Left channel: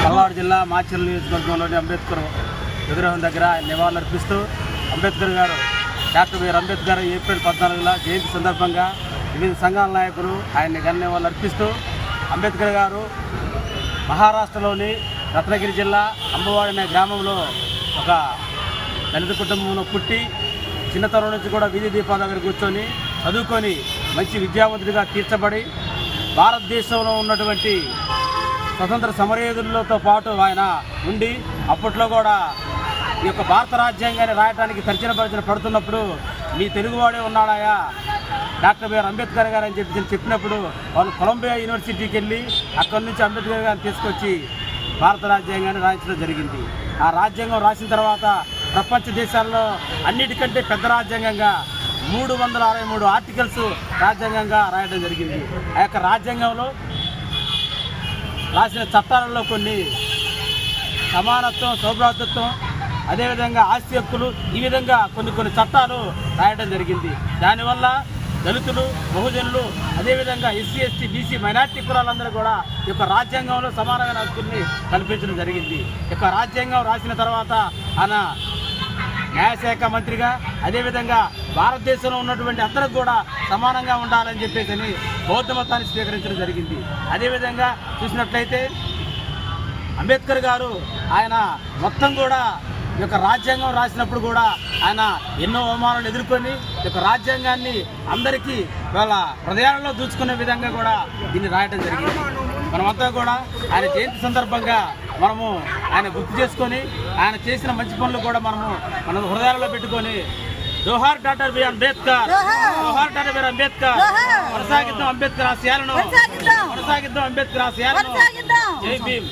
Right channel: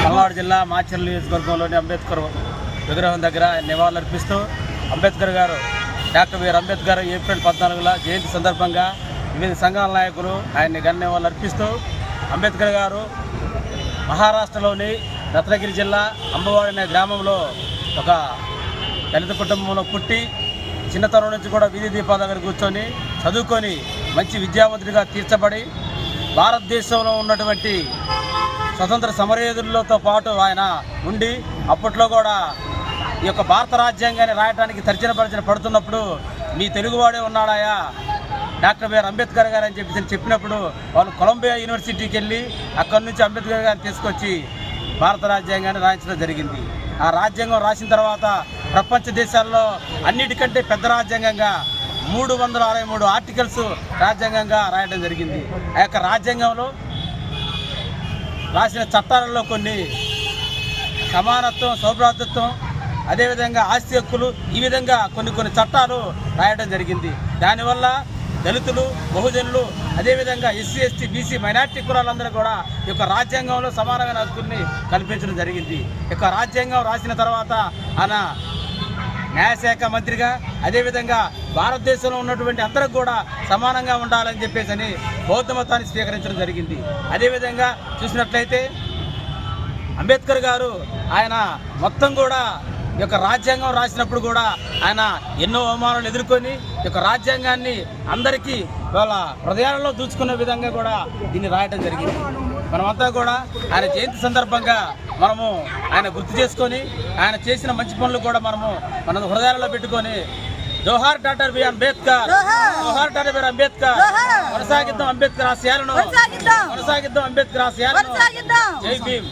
పల్నాడు జిల్లా మాచర్ల నియోజకవర్గంలోని అంబేద్కర్ విగ్రహం దగ్గర ఆయన నివాళులర్పిస్తూ Ambedkar garu doctor B R Ambedkar April పద్నాలుగుల జయంతి సందర్భంగా వివిధ సంఘాల నాయకులు ఆయన్ని ఘన నివాళులర్పిస్తూ అంబేద్కర్ గారు మహారాష్ట్రలోని రత్నగిరి జిల్లా అంబవాడి అనే గ్రామంలో ఒక దళిత కుటుంబంలో పుట్టి చిన్నతనం నుంచి కూడా వీధి దీపాల దగ్గర కూర్చొని చదువుకొని మంచి విద్యావంతుడిగా తీర్చబడి భారతదేశంలో ఉన్నటువంటి స్వతంత్ర సమరయోధులతో పాటు ఆయన ఉండి అప్పట్లో కూడా ఈ యొక్క భారత రాజ్యాంగాన్ని రాయడానికి తర్జన పరిచన పడుతున్నప్పుడు మీ తెలుగువాడే ఉన్నాడాయా? Doctor B R Ambedkar garu అని చెప్పి చెప్పినప్పుడు వాళ్ళు కొలంబియా యూనివర్సిటీకి వెళ్ళి అక్కడి నుంచి అంబేద్కర్ గారిని తీసుకొచ్చి భారత రాజ్యాంగాన్ని రాయించడం జరిగింది. ఆ రాజ్యాంగం రాసిన తర్వాత ప్రపంచ దేశాల్లో అన్నిటికంటే పెద్ద రాజ్యాంగంగా మూడు వందల అరవై మూడు ఆర్టికల్స్ రాజ్యాంగంగా రాయడం జరిగింది. ఆ యొక్క రాజ్యాంగంలో రాసిన చట్టాలలో కొన్ని సమానత్వం సౌభ్రాతత్వం అదేవిధంగా ఆస్తి హక్కులు ఈ విధంగా కొన్ని కొన్ని చట్టాలు రాయడం జరిగింది. దానివల్ల దళితులు బహుజనులు అదేవిధంగా ఎస్సీ ఎస్టీ బీసీ మైనార్టీ కులాలందరూ కూడా ఈ యొక్క రాజ్యాంగంలో సమానమైన హక్కుల్ని కల్పించడం జరిగింది. ఈ యొక్క రాజ్యాంగం రాసిన తర్వాత ఆయన న్యాయశాఖ మంత్రిగా అదేవిధంగా భారతదేశంలో ఉన్నటువంటి అందరికి కూడా సమానంగా ఉండాలని చెప్పేసి అని బౌద్ధ మతాన్ని స్వీకరించడం జరిగింది. అదేవిధంగా చూసినట్లయితే అంబేద్కర్ గారు ఆయన మొత్తం కూడా ఈ యొక్క రాజ్యాంగం రాసినప్పుడు కూడా ఆయన ఎన్నో అవమానాలు ఎదుర్కొని ఈ యొక్క రాజ్యాంగాన్ని అందరికీ వాళ్ళ హృదయాలలో దూచుకునే విధంగా కూడా దీన్ని రాయటం జరిగింది. మనమంతా కూడా ఆయన జయంతి సందర్భంగా మనము ఆయన గుర్తు చేసుకొని ఆయన చేసిన మంచి పనులు కూడా మనము మన హృదయాలలో పెట్టుకొని జోహార్ డాక్టర్ బి అంబేద్కర్. జోహార్. Doctor B Ambedkar. కొనసాగిద్దాం అంబేద్కర్ ఆశయాలను కొనసాగిద్దాం. అంబేద్కర్ ఆశయాలను జై భీమ్.